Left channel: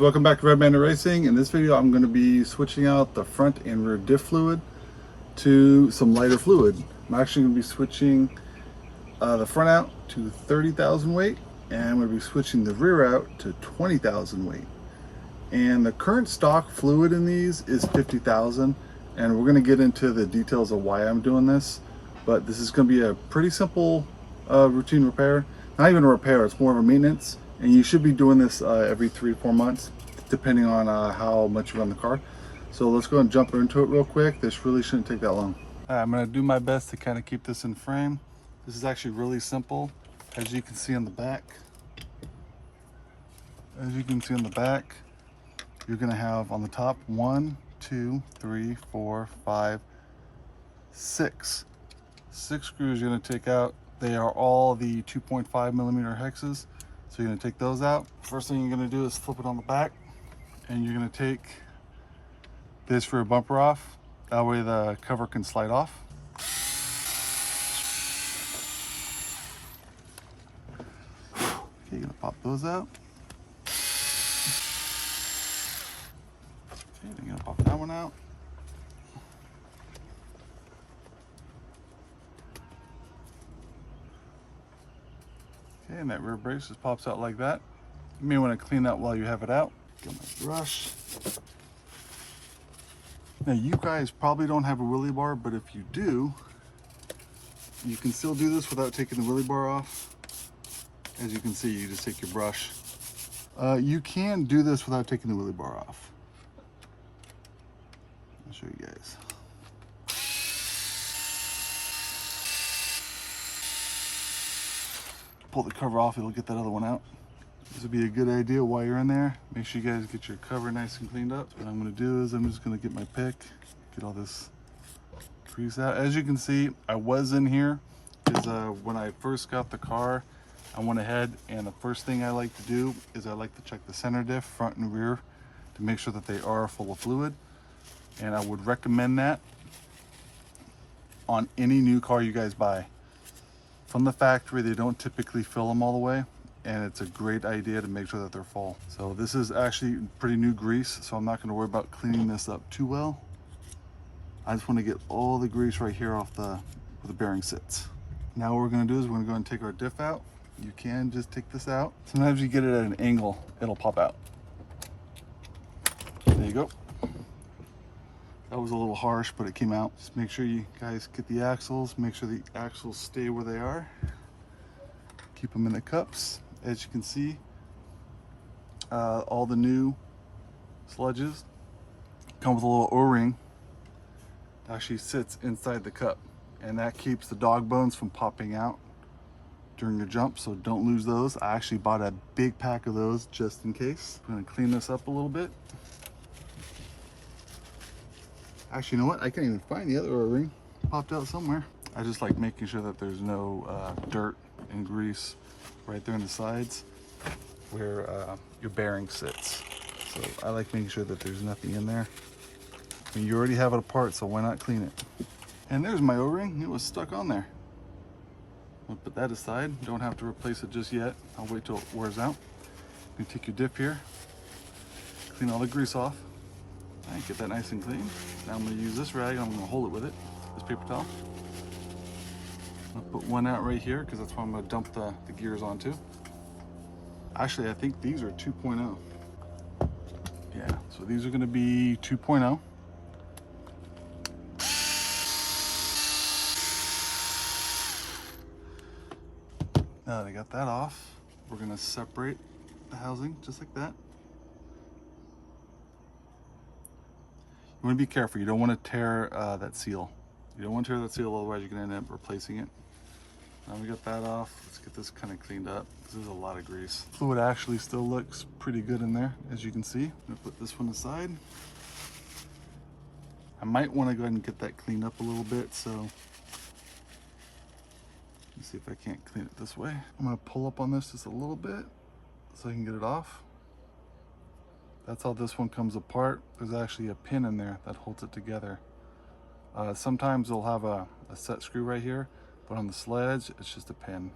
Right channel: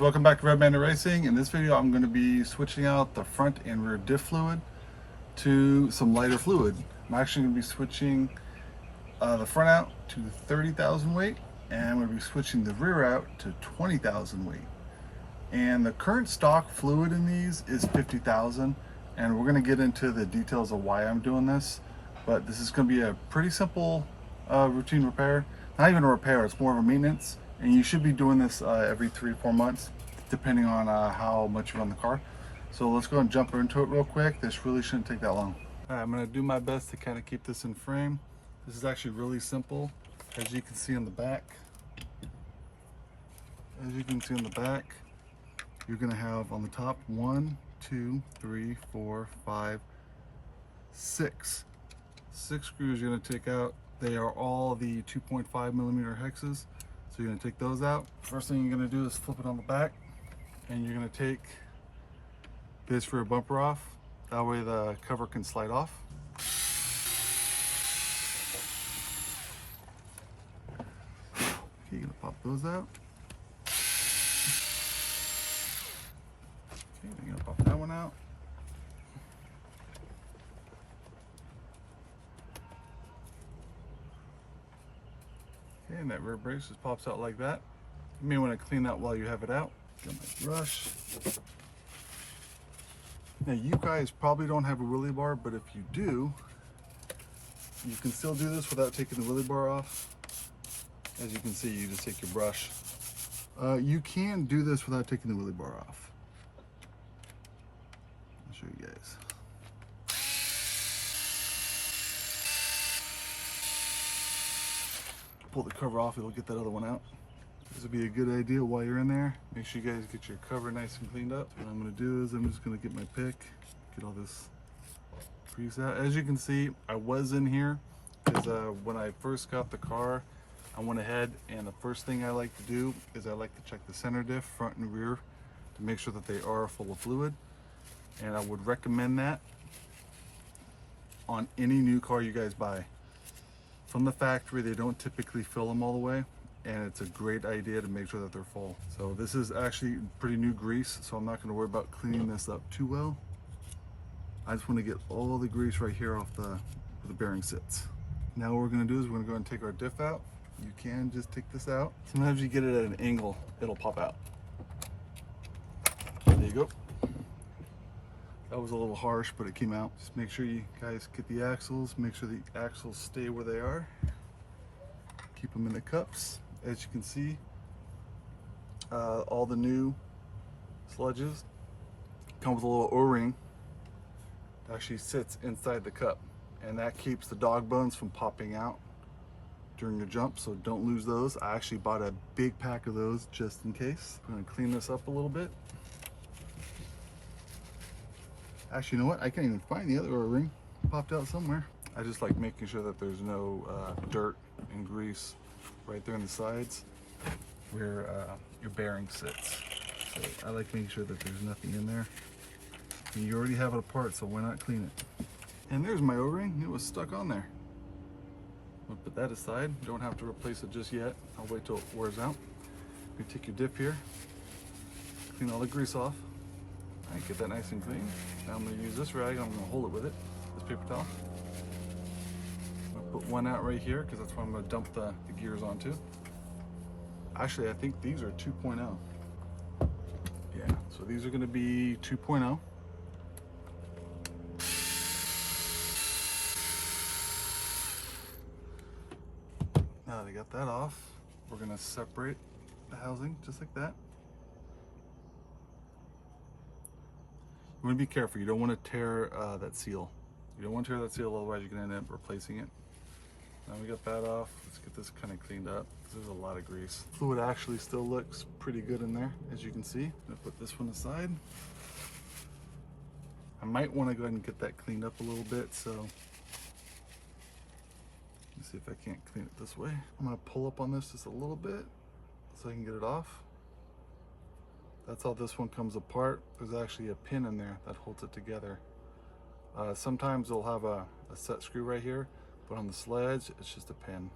Welcome back to Redbanditracing. In this video I'm going to be switching out the front and rear diff fluid to some lighter fluid. I'm actually going to be switching the front out to 30,000 weight, and I'm going to be switching the rear out to 20,000 weight. And the current stock fluid in these is 50,000, and we're going to get into the details of why I'm doing this. But this is going to be a pretty simple routine repair. Not even a repair, it's more of a maintenance. And you should be doing this every 3 to 4 months, depending on how much you run the car. So let's go and jump into it real quick. This really shouldn't take that long. I'm going to do my best to kind of keep this in frame. This is actually really simple. As you can see on the back, you're going to have on the top 1, 2, 3, 4, 5, 6. 6 screws you're going to take out. They are all the 2.5 millimeter hexes. So you're going to take those out. First thing you're going to do is flip it on the back, and you're going to take this rear bumper off. That way the cover can slide off. Okay, you're going to pop those out. Okay, you're going to pop that one out. And that rear brace just pops out like that. You may want to clean that while you have it out. Get my brush. Now you guys probably don't have a wheelie bar, but if you do, you can still do this without taking the wheelie bar off. As you can see, you just take your brush. You can do this without taking the wheelie bar off. I'll show you guys. Pull the cover off, it'll get that other one out. This would be a good idea while you're in there. Make sure you guys get your cover nice and cleaned up. What I'm going to do is I'm just going to get my pick, get all this grease out. As you can see, I was in here because when I first got the car, I went ahead and the first thing I like to do is I like to check the center diff, front and rear, to make sure that they are full of fluid. And I would recommend that on any new car you guys buy. From the factory, they don't typically fill them all the way, and it's a great idea to make sure that they're full. So this is actually pretty new grease, so I'm not going to worry about cleaning this up too well. I just want to get all the grease right here off where the bearing sits. Now what we're going to do is we're going to go and take our diff out. You can just take this out. Sometimes you get it at an angle, it'll pop out. There you go. That was a little harsh, but it came out. Just make sure you guys get the axles. Make sure the axles stay where they are. Keep them in the cups. As you can see, all the new sledges come with a little O-ring that actually sits inside the cup, and that keeps the dog bones from popping out during your jump, so don't lose those. I actually bought a big pack of those just in case. I'm gonna clean this up a little bit. Actually, you know what? I can't even find the other O-ring. Popped out somewhere. I just like making sure that there's no dirt and grease right there in the sides where your bearing sits. So I like making sure that there's nothing in there. And you already have it apart, so why not clean it? And there's my O-ring. It was stuck on there. I'll put that aside. Don't have to replace it just yet. I'll wait till it wears out. You take your dip here, clean all the grease off. Alright, get that nice and clean. Now I'm going to use this rag and I'm going to hold it with it, this paper towel. I'm going to put one out right here because that's what I'm going to dump the gears onto. Actually, I think these are 2.0. Yeah, so these are going to be 2.0. Now that I got that off, we're going to separate the housing just like that. You want to be careful. You don't want to tear that seal. You don't want to tear that seal, otherwise you're going to end up replacing it. Now we got that off. Let's get this kind of cleaned up. This is a lot of grease. Fluid actually still looks pretty good in there, as you can see. I'm going to put this one aside. I might want to go ahead and get that cleaned up a little bit, so let's see if I can't clean it this way. I'm going to pull up on this just a little bit so I can get it off. That's how this one comes apart. There's actually a pin in there that holds it together. Sometimes they'll have a set screw right here, but on the Sledge, it's just a pin.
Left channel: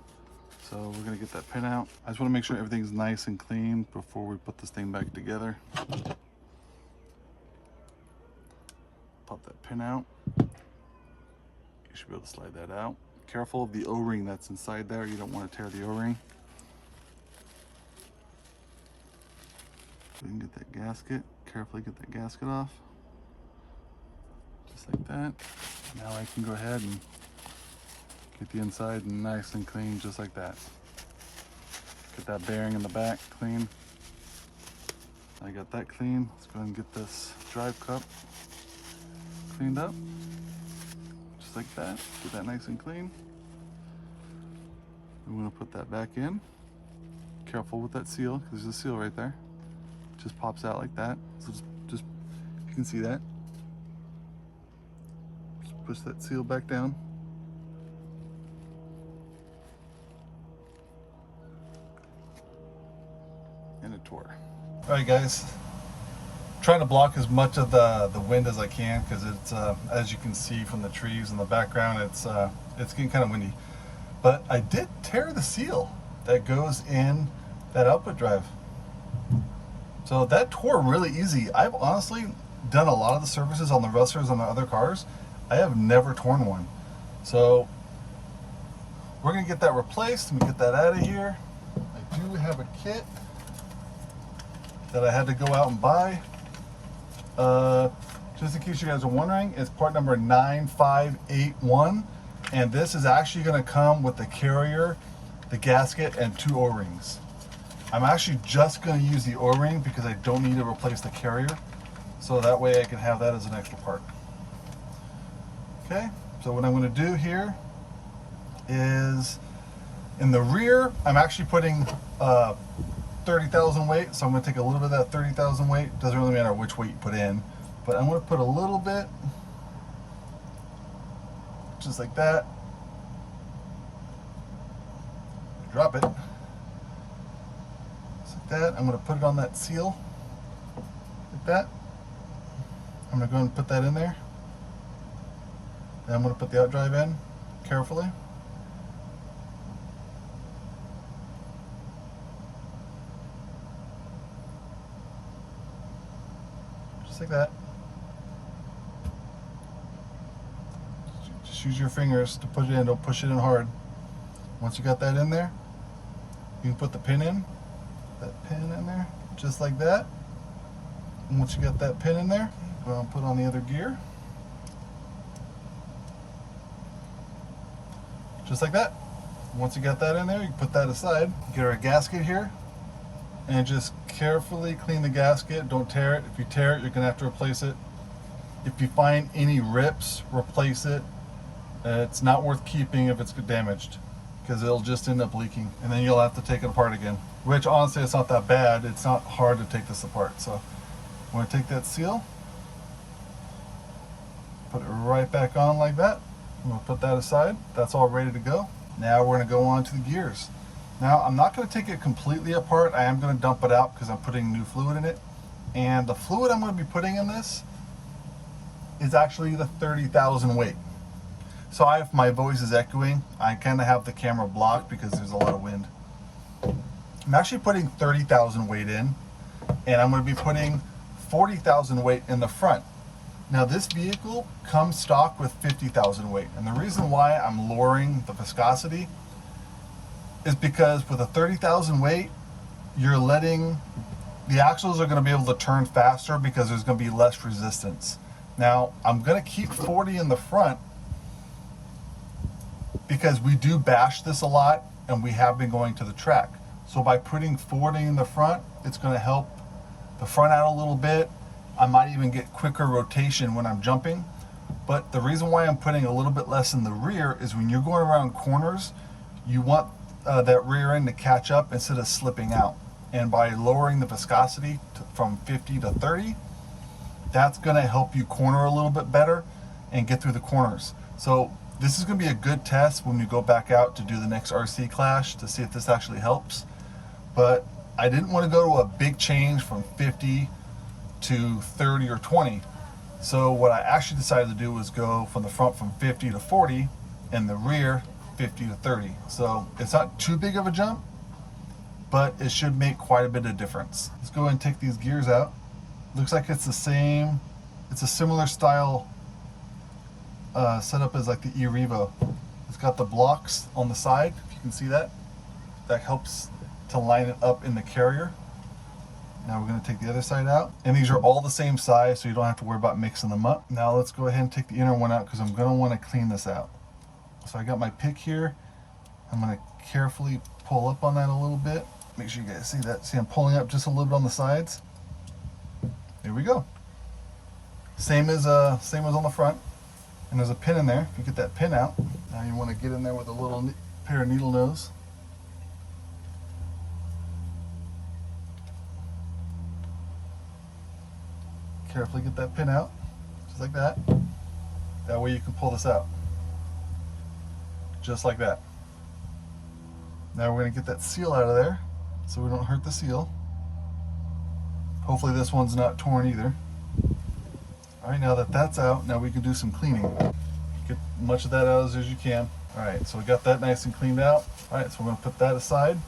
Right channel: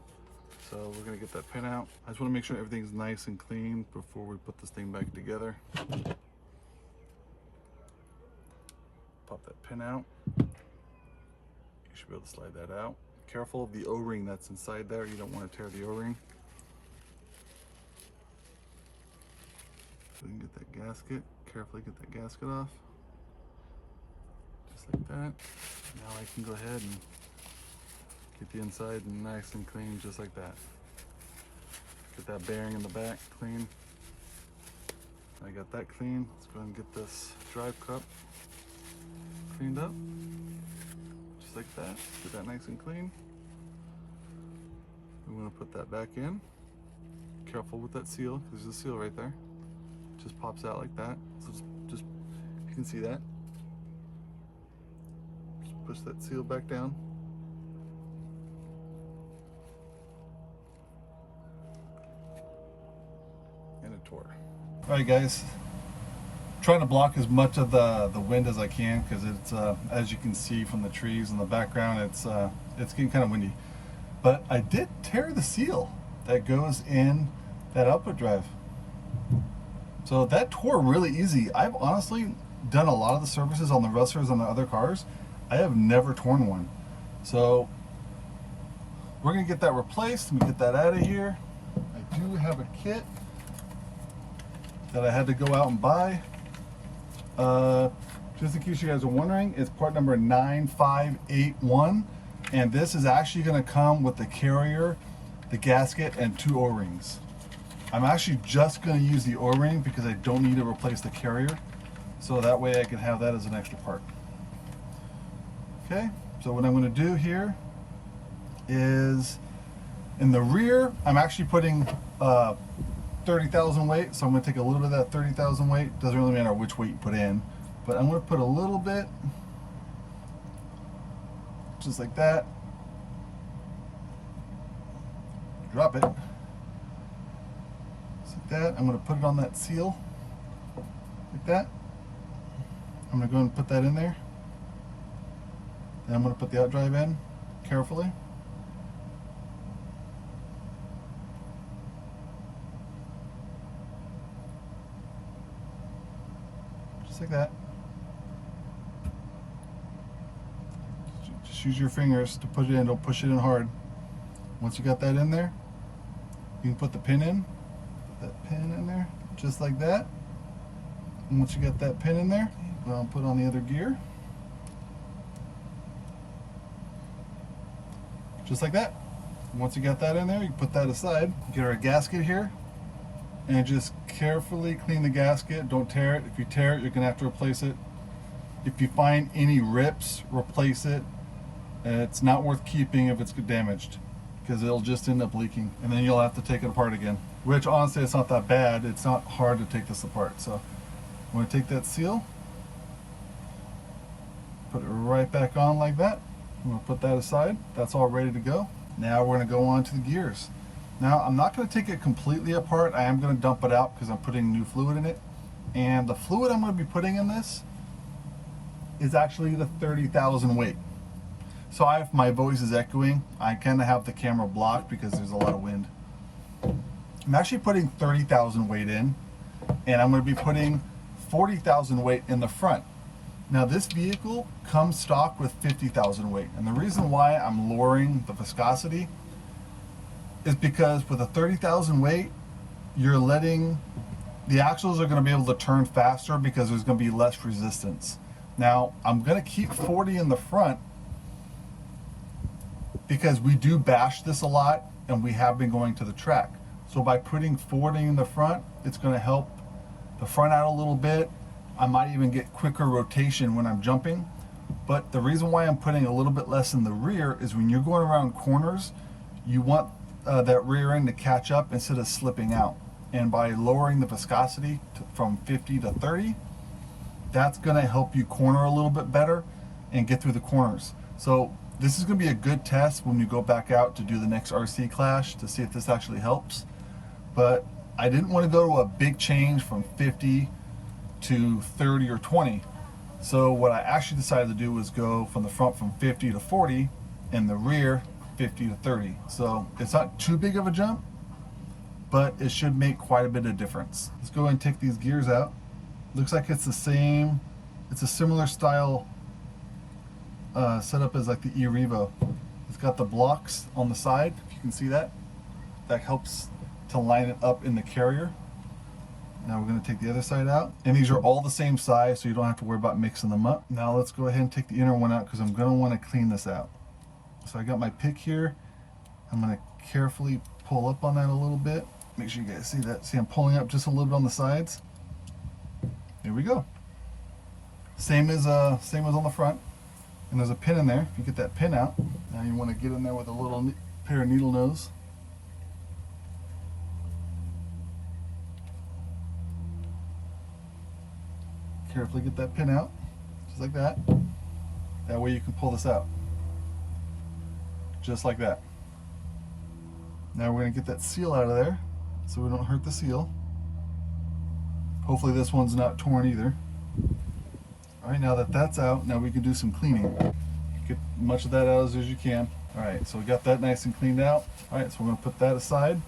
So we're gonna get that pin out. I just wanna make sure everything's nice and clean before we put this thing back together. Pop that pin out. You should be able to slide that out. Careful of the O-ring that's inside there. You don't want to tear the O-ring. We can get that gasket. Carefully get that gasket off. Just like that. Now I can go ahead and get the inside nice and clean, just like that. Get that bearing in the back clean. I got that clean. Let's go ahead and get this drive cup cleaned up. Just like that. Get that nice and clean. I'm going to put that back in. Careful with that seal, because there's a seal right there. It just pops out like that. So just you can see that. Just push that seal back down. And it tore. Alright guys, trying to block as much of the wind as I can, because it's as you can see from the trees in the background, it's getting kind of windy. But I did tear the seal that goes in that output drive. So that tore really easy. I've honestly done a lot of the services on the rusters on the other cars. I have never torn one. So we're gonna get that replaced. Let me get that out of here. I do have a kit that I had to go out and buy. Just in case you guys are wondering, it's part number 9581, and this is actually going to come with the carrier, the gasket, and 2 O-rings. I'm actually just going to use the O-ring because I don't need to replace the carrier, so that way I can have that as an extra part. Okay, so what I'm going to do here is, in the rear, I'm actually putting 30,000 weight, so I'm going to take a little bit of that 30,000 weight. Doesn't really matter which weight you put in, but I'm going to put a little bit, just like that. Drop it, just like that. I'm going to put it on that seal, like that. I'm going to go and put that in there. Then I'm going to put the outdrive in carefully. Like that. Just use your fingers to put it in, don't push it in hard. Once you got that in there, you can put the pin in, there, just like that. And once you got that pin in there, go and put on the other gear. Just like that. Once you got that in there, you put that aside. Get our gasket here. And just carefully clean the gasket. Don't tear it. If you tear it, you're going to have to replace it. If you find any rips, replace it. It's not worth keeping if it's damaged, because it'll just end up leaking, and then you'll have to take it apart again. Which honestly, it's not that bad. It's not hard to take this apart. So I'm going to take that seal, put it right back on like that. I'm going to put that aside. That's all ready to go. Now we're going to go on to the gears. Now, I'm not going to take it completely apart. I am going to dump it out because I'm putting new fluid in it. And the fluid I'm going to be putting in this is actually the 30,000 weight. So if my voice is echoing, I kind of have the camera blocked because there's a lot of wind. I'm actually putting 30,000 weight in, and I'm going to be putting 40,000 weight in the front. Now, this vehicle comes stock with 50,000 weight. And the reason why I'm lowering the viscosity is because with a 30,000 weight, you're letting the axles are going to be able to turn faster because there's going to be less resistance. Now, I'm going to keep 40 in the front because we do bash this a lot and we have been going to the track. So by putting 40 in the front, it's going to help the front out a little bit. I might even get quicker rotation when I'm jumping. But the reason why I'm putting a little bit less in the rear is when you're going around corners, you want that rear end to catch up instead of slipping out. And by lowering the viscosity from 50 to 30, that's going to help you corner a little bit better and get through the corners. So this is going to be a good test when we go back out to do the next RC clash to see if this actually helps. But I didn't want to go to a big change from 50 to 30 or 20. So what I actually decided to do was go from the front from 50 to 40 and the rear 50 to 30. So it's not too big of a jump, but it should make quite a bit of difference. Let's go ahead and take these gears out. Looks like it's the same, it's a similar style setup as like the eRevo. It's got the blocks on the side, if you can see that. That helps to line it up in the carrier. Now we're going to take the other side out. And these are all the same size, so you don't have to worry about mixing them up. Now let's go ahead and take the inner one out because I'm going to want to clean this out. So I got my pick here. I'm going to carefully pull up on that a little bit. Make sure you guys see that. See, I'm pulling up just a little bit on the sides. Here we go. Same as on the front. And there's a pin in there. If you get that pin out, now you want to get in there with a little pair of needle nose. Carefully get that pin out, just like that. That way you can pull this out. Just like that. Now we're going to get that seal out of there so we don't hurt the seal. Hopefully this one's not torn either. Alright, now that that's out, now we can do some cleaning. Get much of that out as you can. Alright, so we got that nice and cleaned out. Alright, so I'm going to put that aside.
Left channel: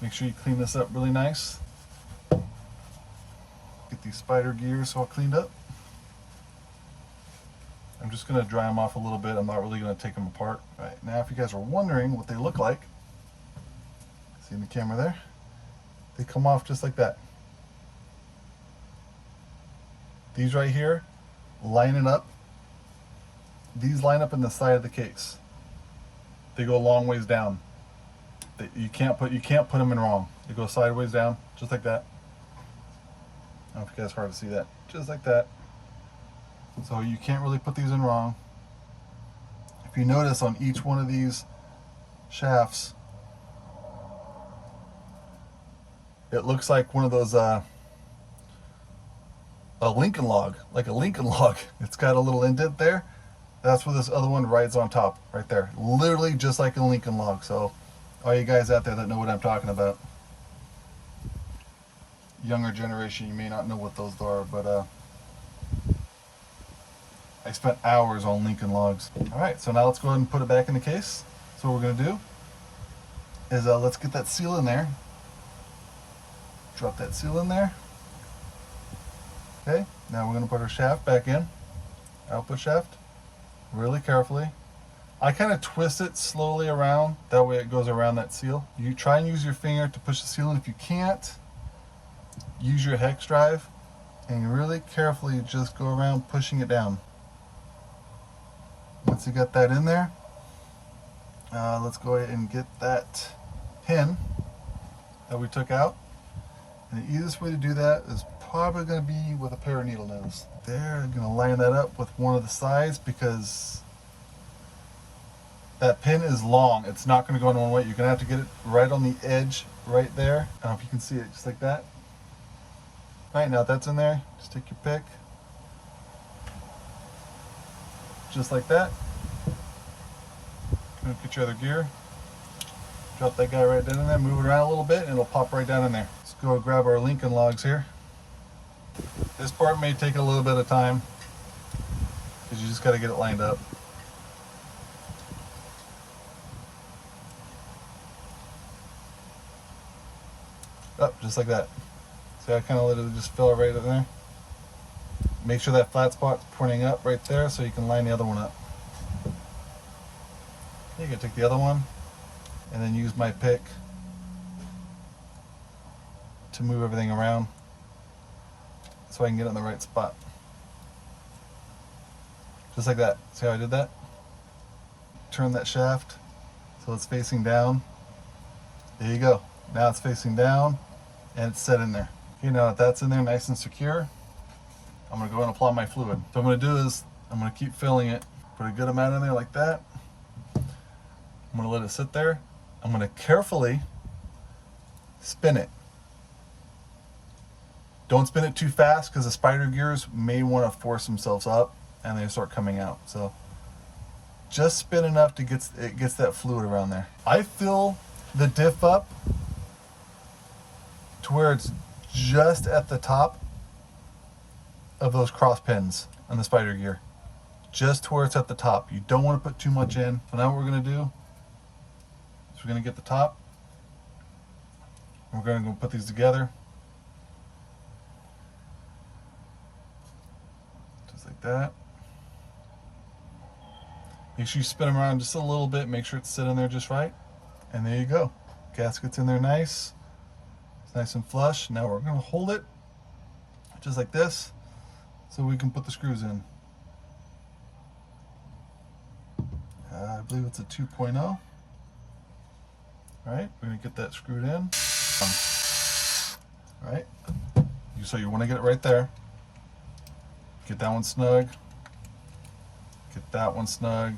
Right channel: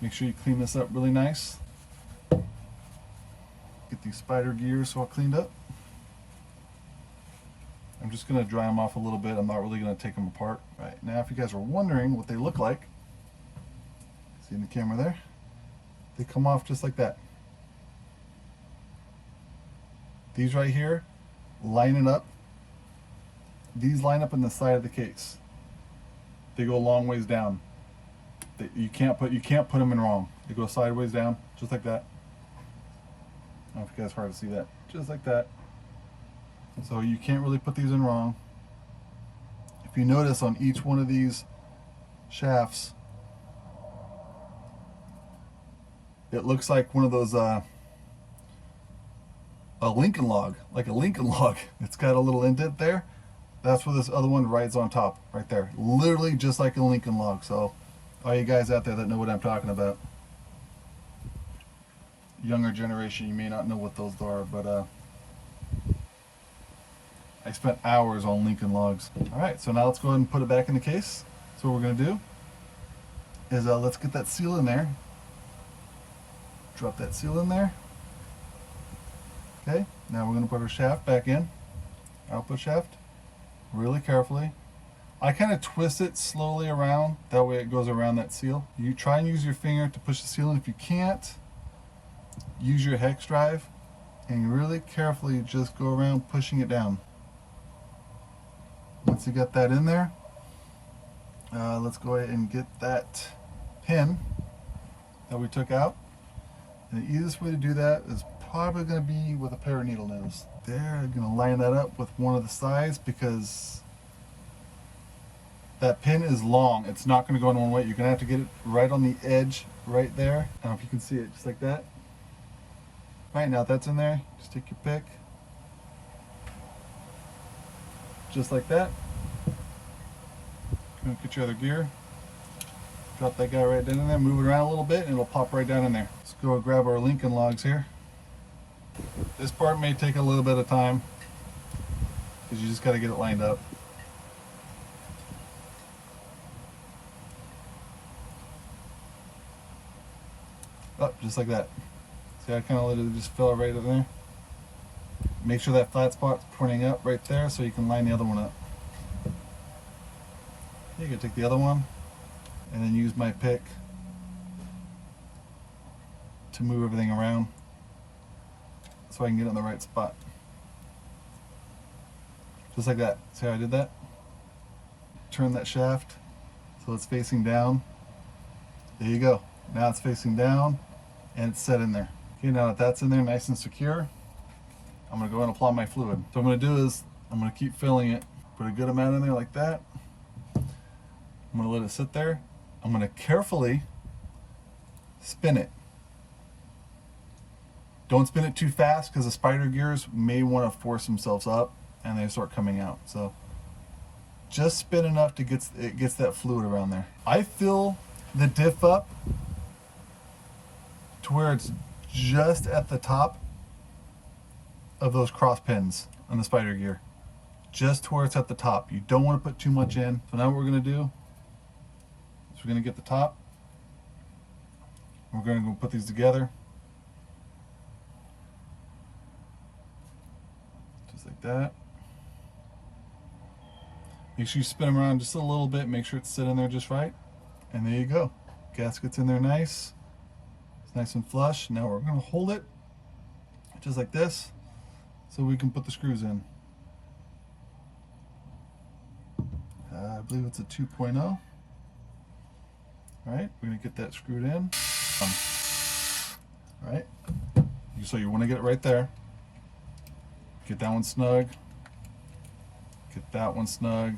Make sure you clean this up really nice. Get these spider gears all cleaned up. I'm just going to dry them off a little bit. I'm not really going to take them apart. All right, now if you guys are wondering what they look like, see in the camera there? They come off just like that. These right here, line it up. These line up in the side of the case. They go a long ways down. You can't put them in wrong. They go sideways down, just like that. I don't know if you guys hard to see that. Just like that. So you can't really put these in wrong. If you notice on each one of these shafts, it looks like one of those a Lincoln log, like a Lincoln log. It's got a little indent there. That's where this other one rides on top, right there. Literally just like a Lincoln log. So all you guys out there that know what I'm talking about. Younger generation, you may not know what those are, but I spent hours on Lincoln logs. All right, so now let's go ahead and put it back in the case. So what we're gonna do is let's get that seal in there. Drop that seal in there. Okay, now we're gonna put our shaft back in. Output shaft, really carefully. I kind of twist it slowly around, that way it goes around that seal. You try and use your finger to push the seal in. If you can't, use your hex drive and really carefully just go around pushing it down. Once you get that in there, let's go ahead and get that pin that we took out. And the easiest way to do that is probably going to be with a pair of needle nose. There, I'm going to line that up with one of the sides because that pin is long. It's not going to go in one way. You're going to have to get it right on the edge right there. I don't know if you can see it, just like that. Right, now that's in there, just take your pick. Just like that. Get your other gear. Drop that guy right down in there, move it around a little bit, and it'll pop right down in there. Let's go grab our Lincoln logs here. This part may take a little bit of time because you just got to get it lined up. Up, just like that. So I kind of literally just fell right in there. Make sure that flat spot's pointing up right there so you can line the other one up. You can take the other one and then use my pick to move everything around so I can get it in the right spot. Just like that. See how I did that? Turn that shaft so it's facing down. There you go. Now it's facing down and it's set in there. Okay, now that that's in there nice and secure, I'm going to go and apply my fluid. So what I'm going to do is I'm going to keep filling it, put a good amount in there like that. I'm going to let it sit there. I'm going to carefully spin it. Don't spin it too fast because the spider gears may want to force themselves up and they start coming out. So just spin enough to get that fluid around there. I fill the diff up to where it's just at the top of those cross pins on the spider gear. just to where it's at the top. You don't want to put too much in. So now what we're going to do is we're going to get the top. We're going to go put these together. Just like that. Make sure you spin them around just a little bit. Make sure it's sitting there just right. And there you go. Gasket's in there nice. It's nice and flush. Now we're going to hold it just like this so we can put the screws in. I believe it's a 2.0. All right, we're going to get that screwed in. Right, so you want to get it right there. Get that one snug. Get that one snug.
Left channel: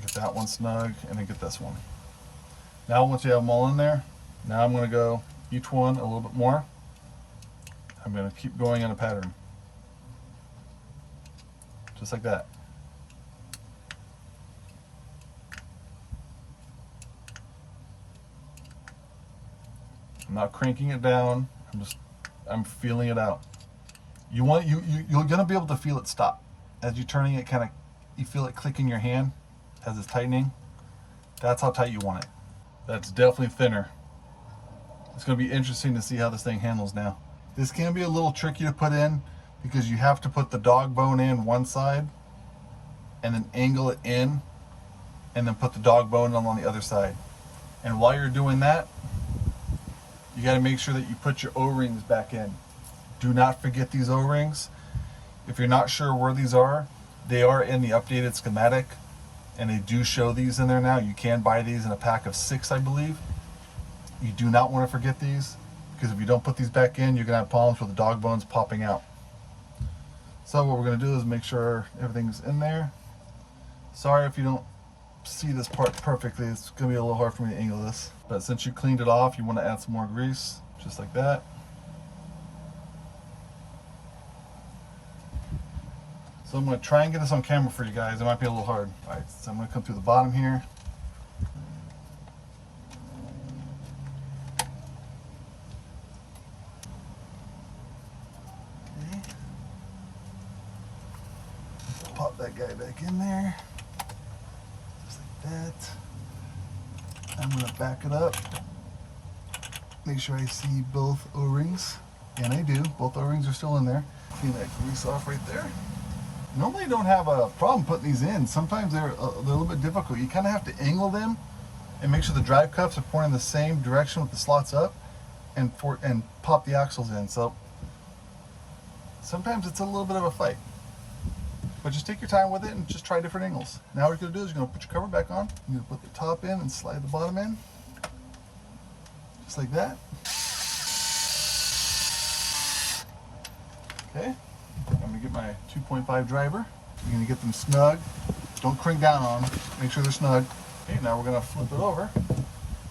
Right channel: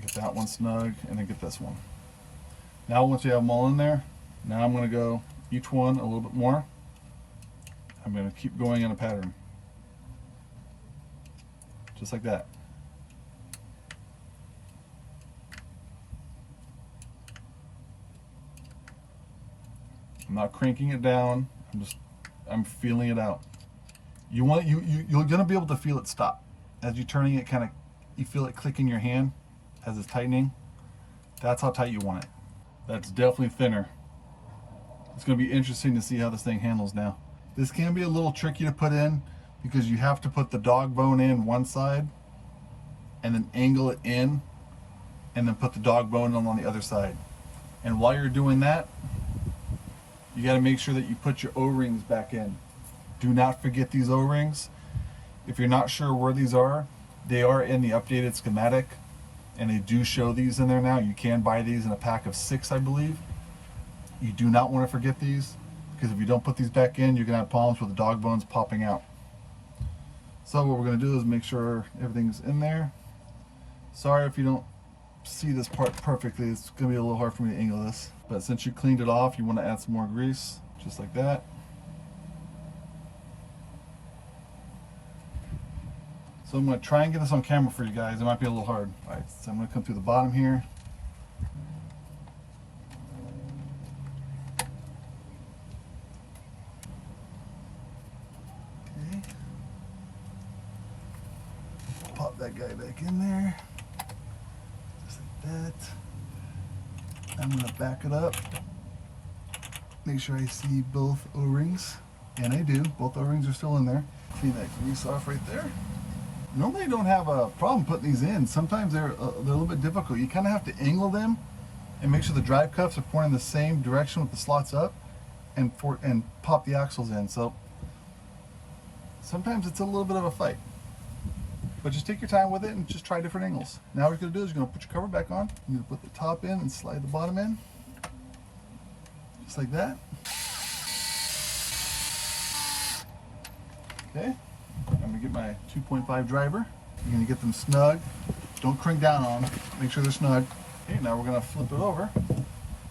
Get that one snug, and then get this one. Now once you have them all in there, now I'm going to go each one a little bit more. I'm going to keep going in a pattern. Just like that. I'm not cranking it down. I'm feeling it out. You're gonna be able to feel it stop as you're turning it. You feel it click in your hand as it's tightening. That's how tight you want it. That's definitely thinner. It's gonna be interesting to see how this thing handles now. This can be a little tricky to put in because you have to put the dog bone in one side and then angle it in and then put the dog bone on the other side. And while you're doing that, you got to make sure that you put your O-rings back in. Do not forget these O-rings. If you're not sure where these are, they are in the updated schematic, and they do show these in there now. You can buy these in a pack of 6, I believe. You do not want to forget these, because if you don't put these back in, you're going to have problems with the dog bones popping out. So what we're going to do is make sure everything's in there. Sorry if you don't see this part perfectly. It's going to be a little hard for me to angle this. But since you cleaned it off, you want to add some more grease, just like that. So I'm going to try and get this on camera for you guys. It might be a little hard. All right, so I'm going to come through the bottom here. Okay. Pop that guy back in there, just like that. I'm going to back it up, make sure I see both O-rings, and I do. Both O-rings are still in there. Clean that grease off right there. Normally I don't have a problem putting these in. Sometimes they're a little bit difficult. You kind of have to angle them and make sure the drive cups are pointing the same direction with the slots up, and pop the axles in. So sometimes it's a little bit of a fight. But just take your time with it and just try different angles. Now what you're going to do is you're going to put your cover back on. You're going to put the top in and slide the bottom in. Just like that. Okay. I'm going to get my 2.5 driver. You're going to get them snug. Don't crank down on them. Make sure they're snug. Okay, now we're going to flip it over.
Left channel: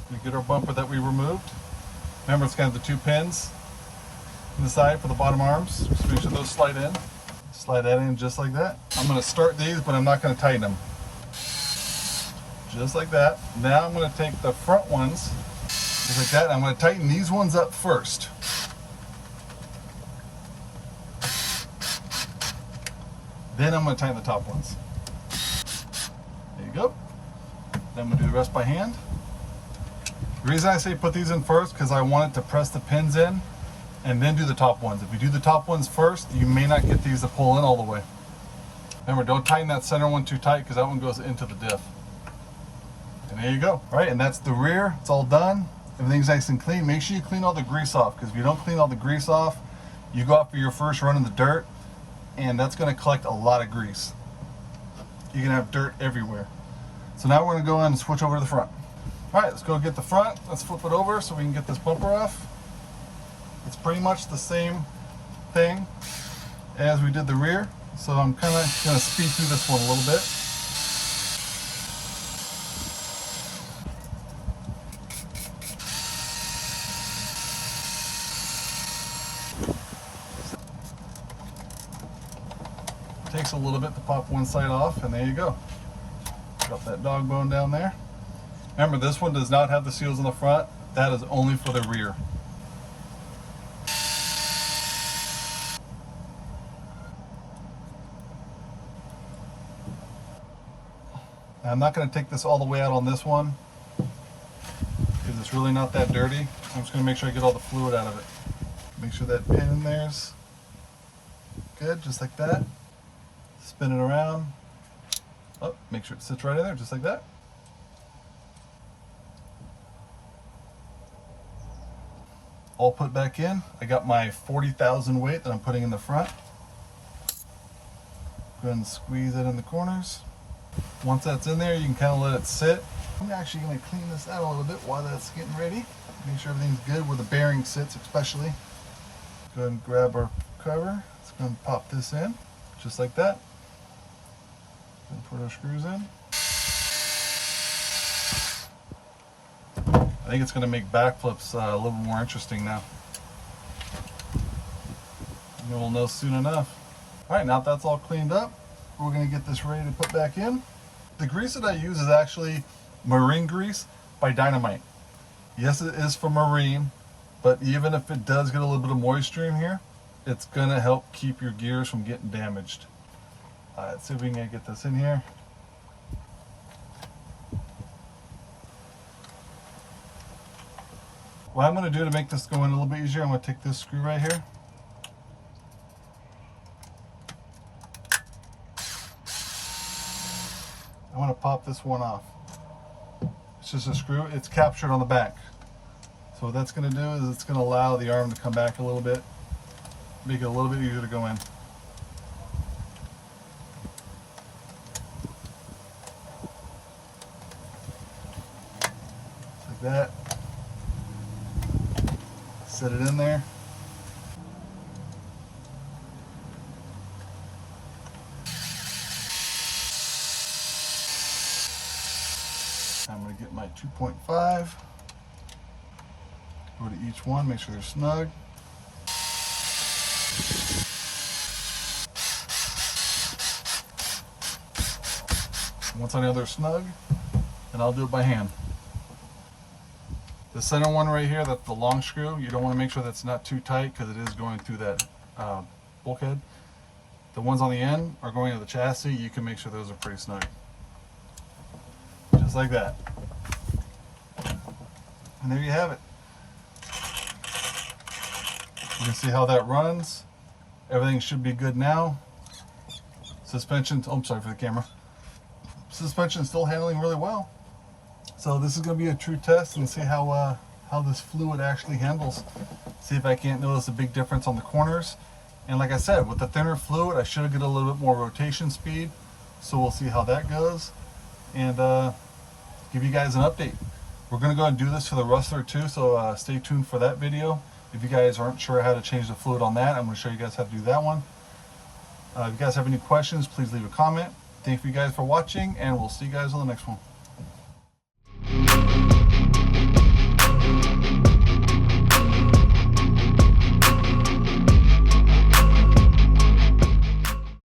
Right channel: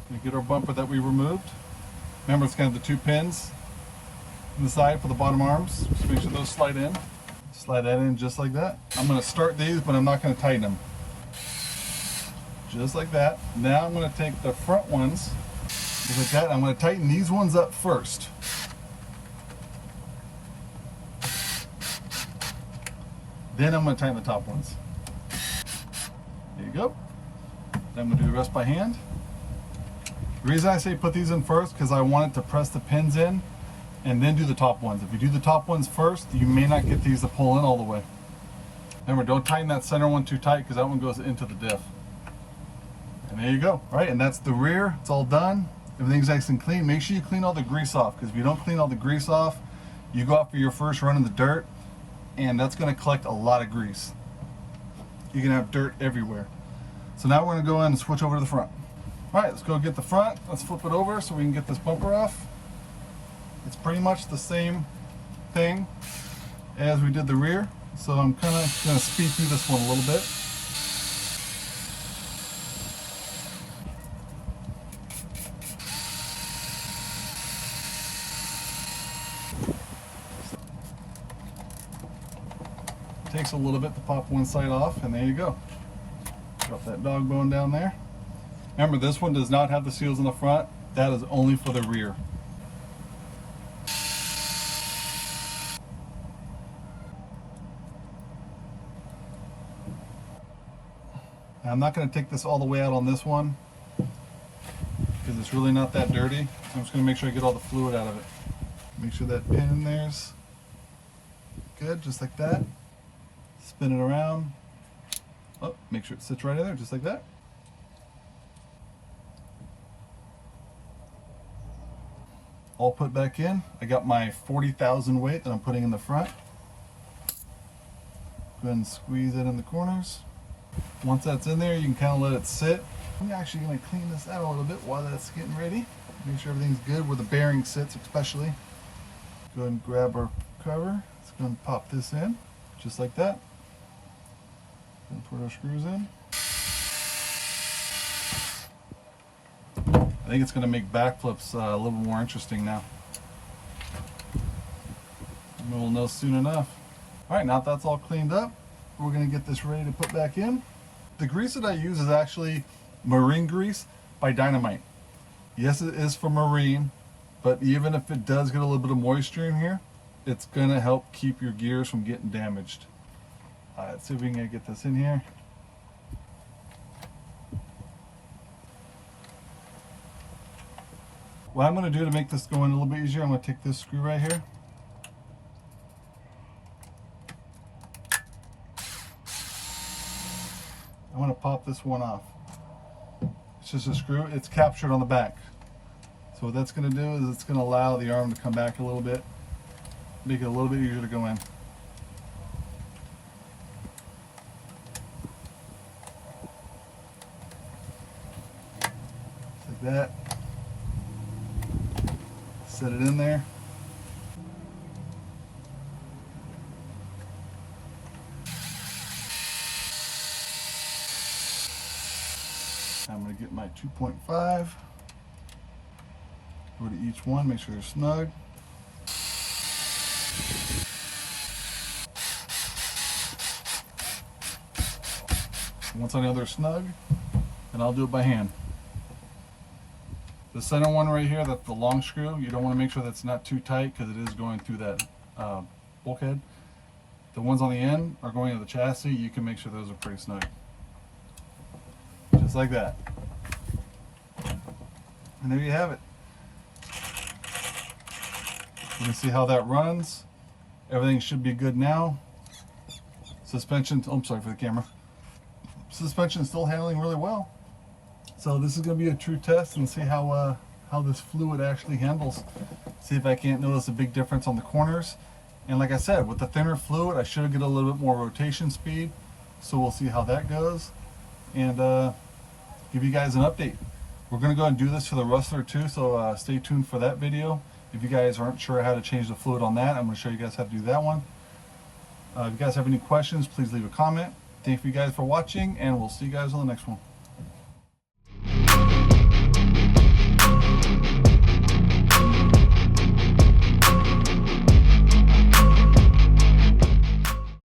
We get our bumper that we removed. Remember, it's kind of the 2 pins in the side for the bottom arms. Just make sure those slide in. Slide that in just like that. I'm going to start these, but I'm not going to tighten them. Just like that. Now I'm going to take the front ones, just like that. I'm going to tighten these ones up first. Then I'm going to tighten the top ones. There you go. Then I'm going to do the rest by hand. The reason I say put these in first, because I want it to press the pins in and then do the top ones. If you do the top ones first, you may not get these to pull in all the way. Remember, don't tighten that center one too tight, because that one goes into the diff. And there you go. All right, and that's the rear. It's all done. Everything's nice and clean. Make sure you clean all the grease off, because if you don't clean all the grease off, you go out for your first run in the dirt, and that's going to collect a lot of grease. You're going to have dirt everywhere. So now we're going to go in and switch over to the front. All right, let's go get the front. Let's flip it over so we can get this bumper off. It's pretty much the same thing as we did the rear, so I'm kind of going to speed through this one a little bit. Takes a little bit to pop one side off, and there you go. Got that dog bone down there. Remember, this one does not have the seals on the front. That is only for the rear. Now, I'm not going to take this all the way out on this one because it's really not that dirty. I'm just going to make sure I get all the fluid out of it. Make sure that pin in there's good, just like that. Spin it around. Oh, make sure it sits right in there, just like that. All put back in. I got my 40,000 weight that I'm putting in the front. Go ahead and squeeze it in the corners. Once that's in there, you can kind of let it sit. I'm actually going to clean this out a little bit while that's getting ready. Make sure everything's good where the bearing sits, especially. Go ahead and grab our cover. Let's go and pop this in, just like that. And put our screws in. I think it's going to make backflips a little more interesting now. And we'll know soon enough. Alright, now that that's all cleaned up, we're going to get this ready to put back in. The grease that I use is actually marine grease by Dynamite. Yes, it is for marine, but even if it does get a little bit of moisture in here, it's going to help keep your gears from getting damaged. Alright, let's see if we can get this in here. What I'm going to do to make this go in a little bit easier, I'm going to take this screw right here. I want to pop this one off. It's just a screw. It's captured on the back. So what that's going to do is it's going to allow the arm to come back a little bit, make it a little bit easier to go in. Like that. Set it in there. I'm going to get my 2.5. Go to each one, make sure they're snug. Once I know they're snug, then I'll do it by hand. The center one right here, that's the long screw. You don't want to make sure that's not too tight because it is going through that bulkhead. The ones on the end are going to the chassis. You can make sure those are pretty snug. Just like that. And there you have it. You can see how that runs. Everything should be good now. Suspension, oh, I'm sorry for the camera. Suspension is still handling really well. So this is going to be a true test and see how this fluid actually handles. See if I can't notice a big difference on the corners. And like I said, with the thinner fluid, I should get a little bit more rotation speed. So we'll see how that goes and give you guys an update. We're going to go and do this for the Rustler too, so stay tuned for that video. If you guys aren't sure how to change the fluid on that, I'm going to show you guys how to do that one. If you guys have any questions, please leave a comment. Thank you guys for watching, and we'll see you guys on the next one.